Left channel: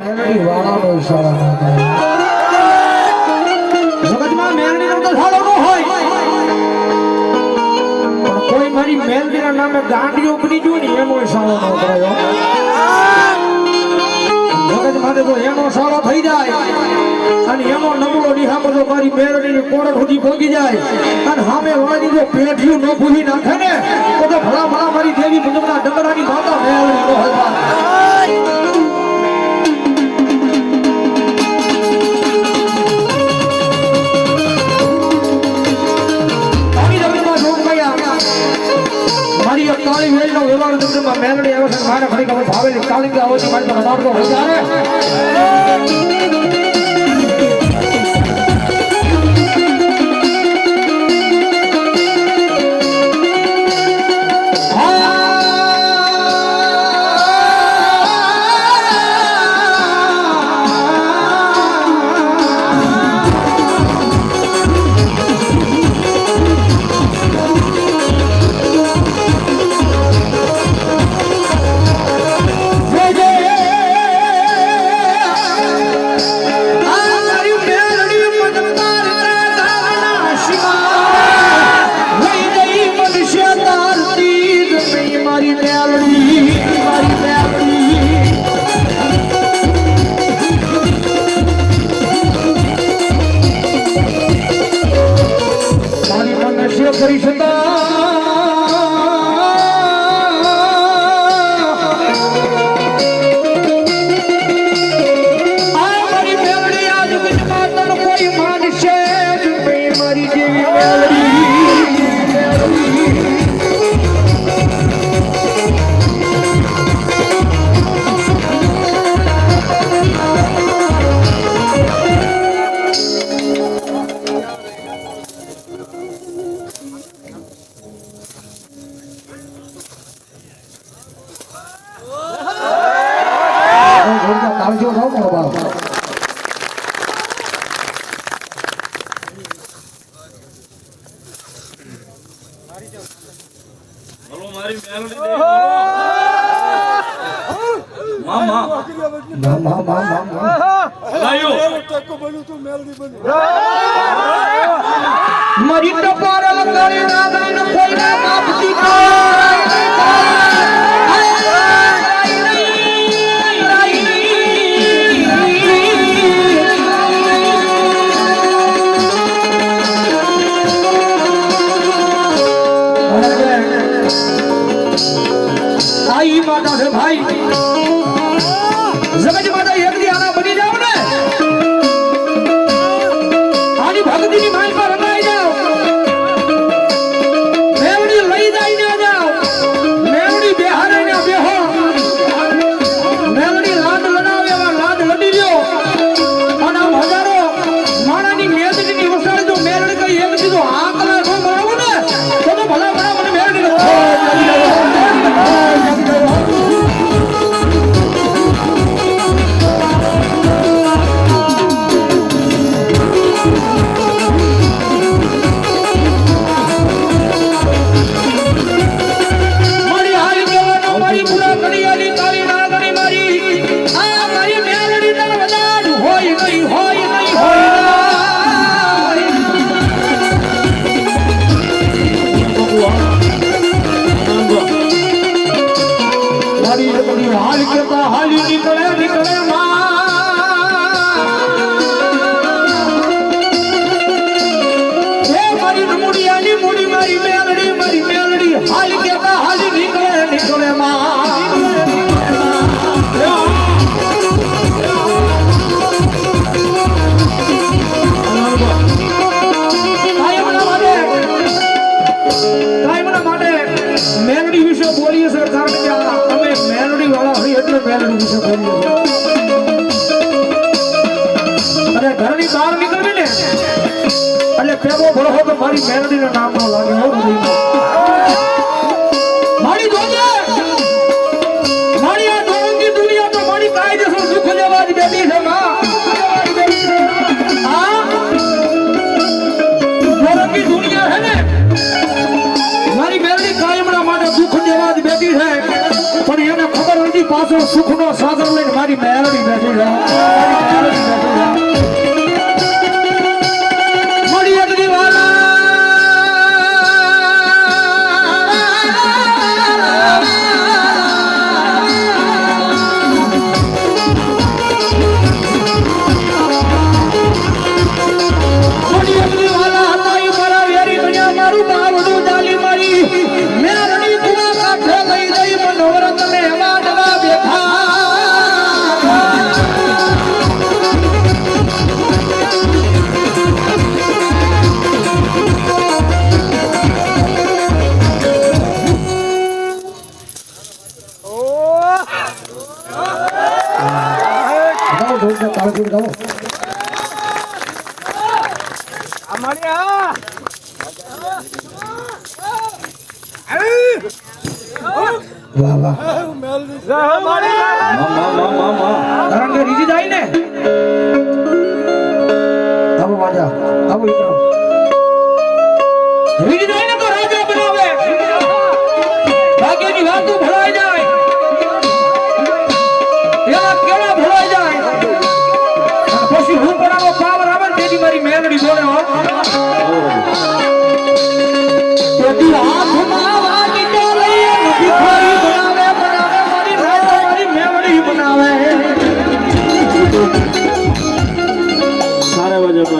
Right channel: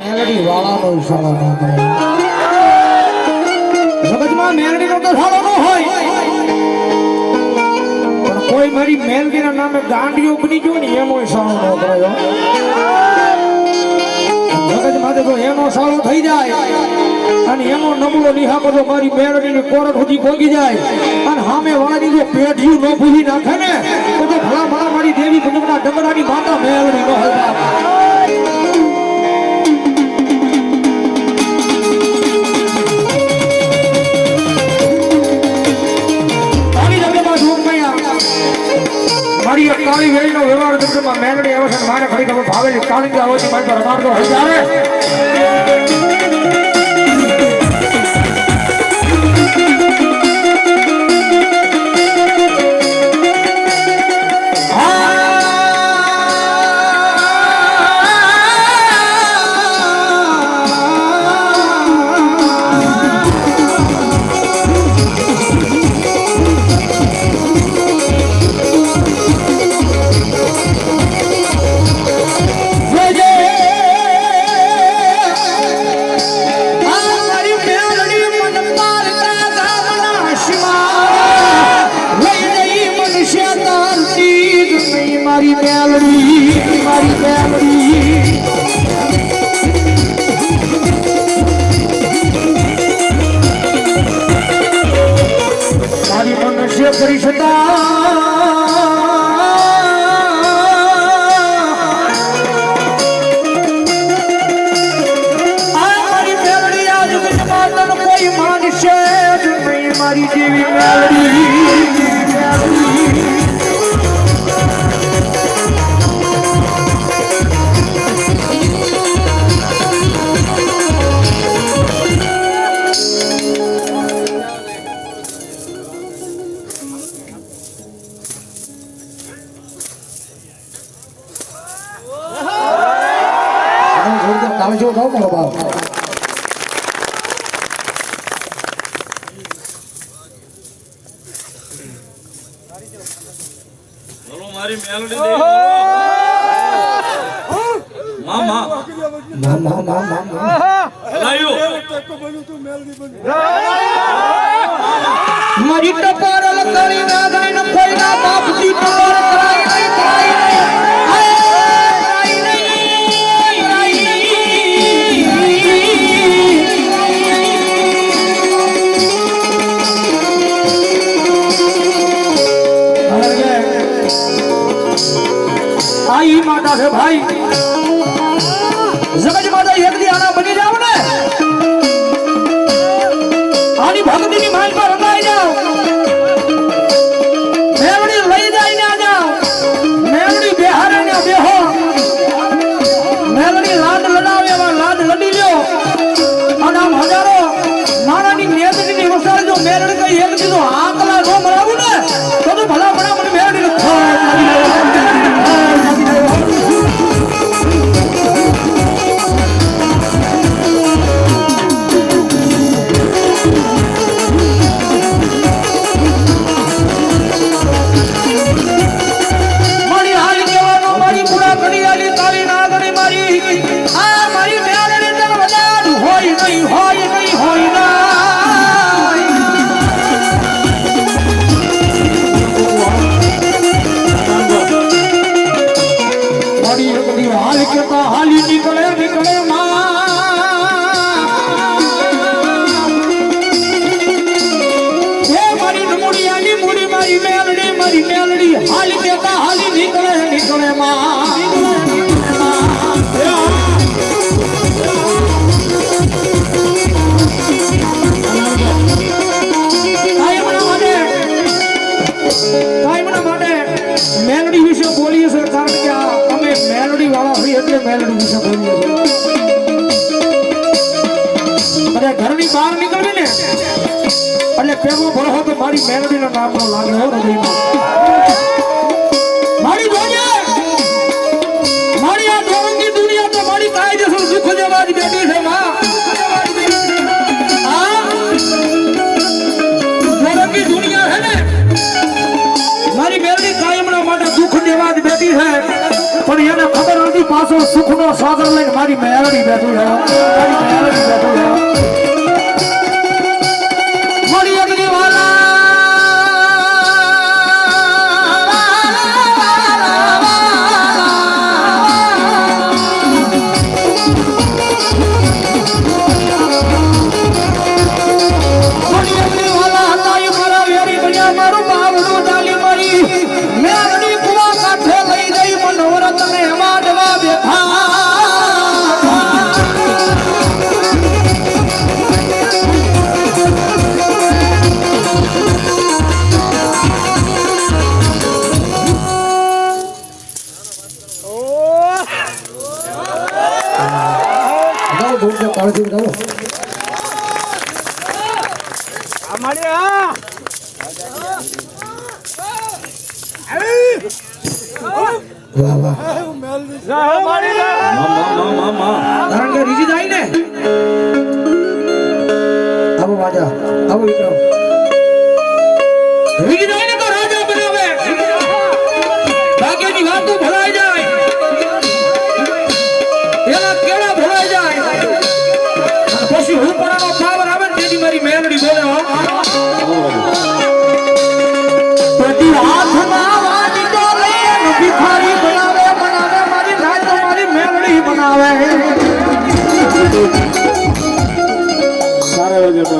મેલડી વાળાનો ઈશારો ન થાય. જગતમાં મેલડીનો તો ધારો ન હોય, પણ કોઈ મારી મેલડીના નામે ગાંડીઓ બની ગયો ને એનો ઈશારો ન કરાયો. જગતમાં તો એનો સાળો થઈ જાય અને એનો નબળો નિહાકો જો મારી મેલડીની કોરટ સુધી ભોગી જાય અને સામે વાળાની જો પેઢીયું ન ભૂલી નાખે ને તો ભલા ભલા મારી દેવી ભજનના ડગડાની માતા મેલડી નો હોય. કાળી વેલનો વ્યવહાર દુનિયામાં મેલડી આવે છે મારે ખરી ખબર ભાવેલી કાળી આવે છે મારી રડાડતો હોય ત્યારે કરી શકા મારી મેલડી આજ વિશ્વમાં કોઈ માનશે નહીં મારી જેવી મેલડી. આવજો નો બાબા. બોલો મારી મેલડી દે મામા મારી કપાર લગાડી રાગણી ન કોઈ ના બાપજી કરાય નહીં કરાય. આઈ માતા છે ભાઈ જગત માતા એક દી આના બની જાવ ને આની ભક્તિની માઈ પર રંગાઈ જાવ મેવડી લઈ જાય ના જાવ મેવડી બેહારે ને બેહો મેવડી લાદ લડાવે એવા લાદ લડી લ્યો અને આમ હજારો માણાની મેદની વસાડે જો મેવડી કઈ એક દીધો આંકલા નો મરાવું ને તો ભલા ભલા મને મેવડી મેલડી વિશે બોલીએ સર કારણ કે અમે મેલડી વાળા હોય એટલે મેલડી વિશે બોલીએ અને ઘરની બહાર નીકળવી ને એટલે પેલો ભરો તો મારી મેલડી નું નામ નો લાગે હો મારી જોજે મારી આ જોરંગી દુનિયા તો મારી કાયદેસર સુખ જેવા જ બેઠી છે માં. જોરંગી દુનિયા છે ને મારી મેલડી કાયમના માટે દુઃખ દેવા જ બેઠી છે પણ એને ખબર નથી પાછો સુખનો સાગર લઈને મારી મેલડી બેઠી છે મારી અગ્નિ વાલા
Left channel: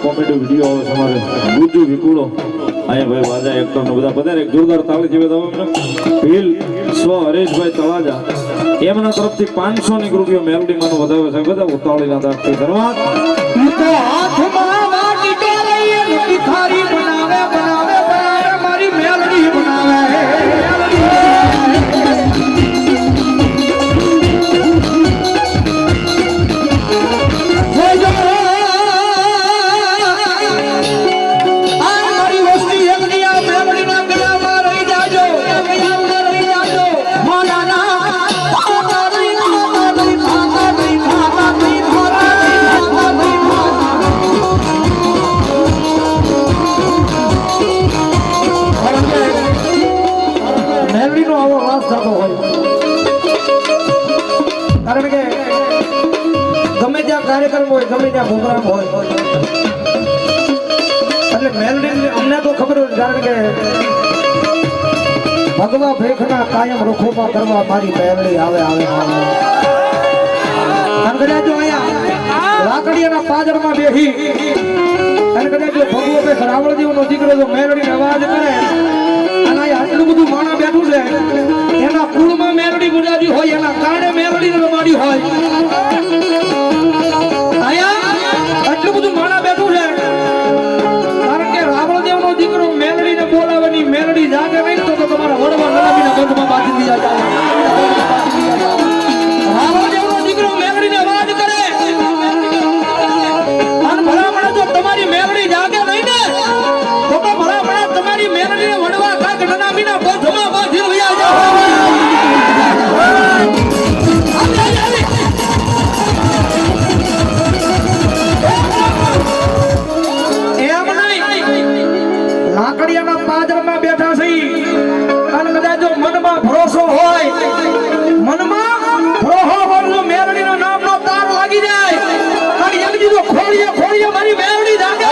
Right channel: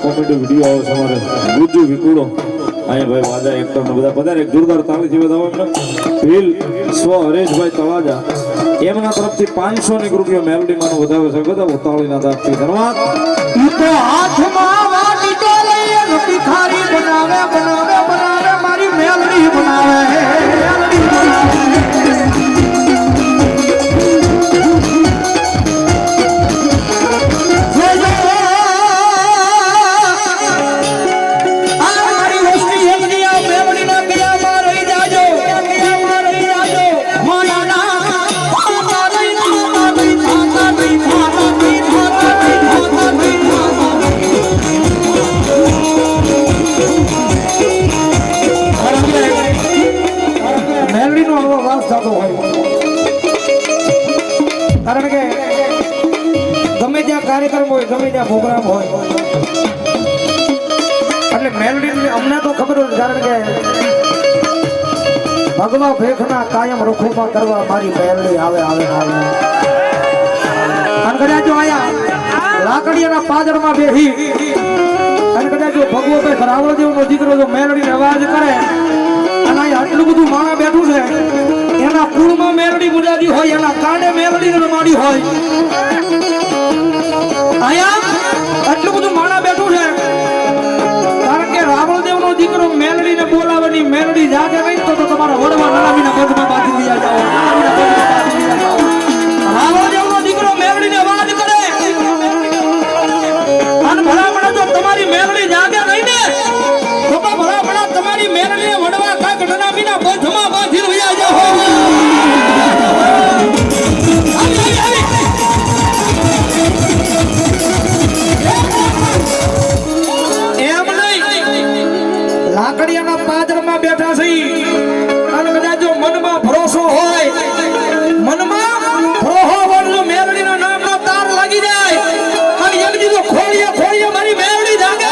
કોમેડી વિડીયો આવે તમારે ગુજ્જુ વિકુડો અહીંયા ભાઈ વાજા એક્ટર ને બધા બધા એક જોરદાર તાળી જેવા દાવ એમને ભીલ સ્વ હરેશભાઈ તળાજા એમના તરફથી 500 ની રૂપિયા મેલડી માનો વધાવે છે બધા ઉતાવળીના દાખથી ધન્યવાદ ઈ તો હાથમાં વાટી તો પિથારી બનાવે બનાવે બનાવે મારી મેલડી બનાવે કારણ કે ગમે ત્યાં કાર્યક્રમ હોય ગમે ત્યાં પ્રોગ્રામ હોય એટલે મેલડી અમને તો ખબર હોય કારણ કે ભગવા ભેખના કાયમ રખોપા કરવા મારી મેલડી આવે આવે આવે અને કદાચ જો અહીંયા લાકડીના પાજરમાં બેહી અને કદાચ જો ભગવો ભાઈ રાવળદેવનો દીકરો જો મેલડીને અવાજ કરે અને આટલું બધું માણા બેઠું છે એના કુળમાં મેલડી મુરાજી હોય એના કારણે મેલડી રમાડી હોય આયા આટલું બધું માણા બેઠું છે કારણ કે રાવળદેવનો દીકરો મેલડીને બોલાવવાની મેલડી જાગે નહીં તો તમારા વડવા નળાવીના ગઢમાં બાજી દીધા જાઓ રાવળદેવનો દીકરો મેલડીને વાત કરે અને ભલામણા જો તમારી મેલડી જાગે નહીં ને તો ભલામણા તમારી મેલડીને વડવા કાક નળાવીના ગઢમાં બાજી દીધા જાઓ લાકડીયાના પાદરમાં બેઠા છે અને કદાચ જો મનમાં ભરોસો હોય મનમાં ભરોસો વાળું મેલડીના નામનો તાર લાગી જાય અને એક દીધો ખોલીએ ખોલીએ મારી મેલડી જાગે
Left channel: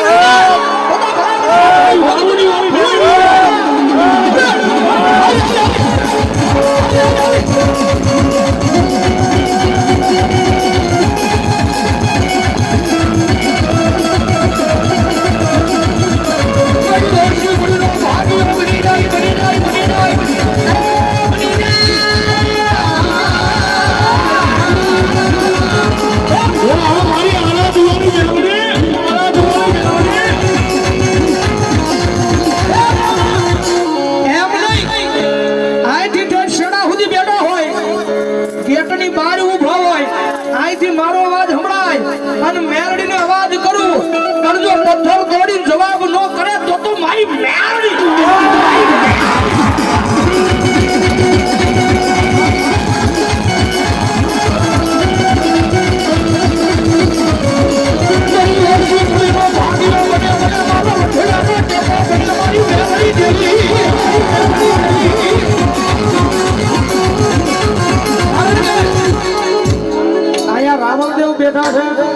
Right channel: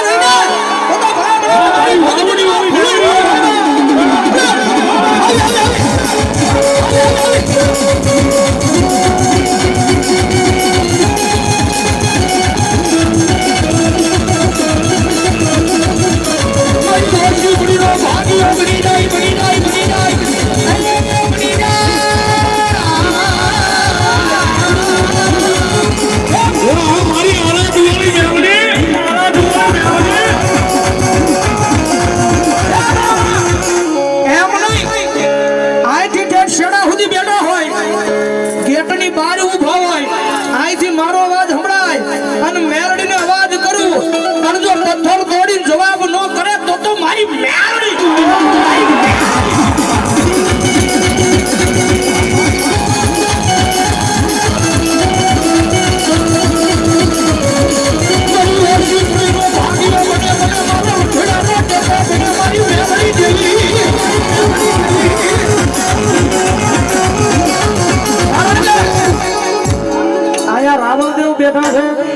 જવાબ નો કરે તો મારી મેલડી છે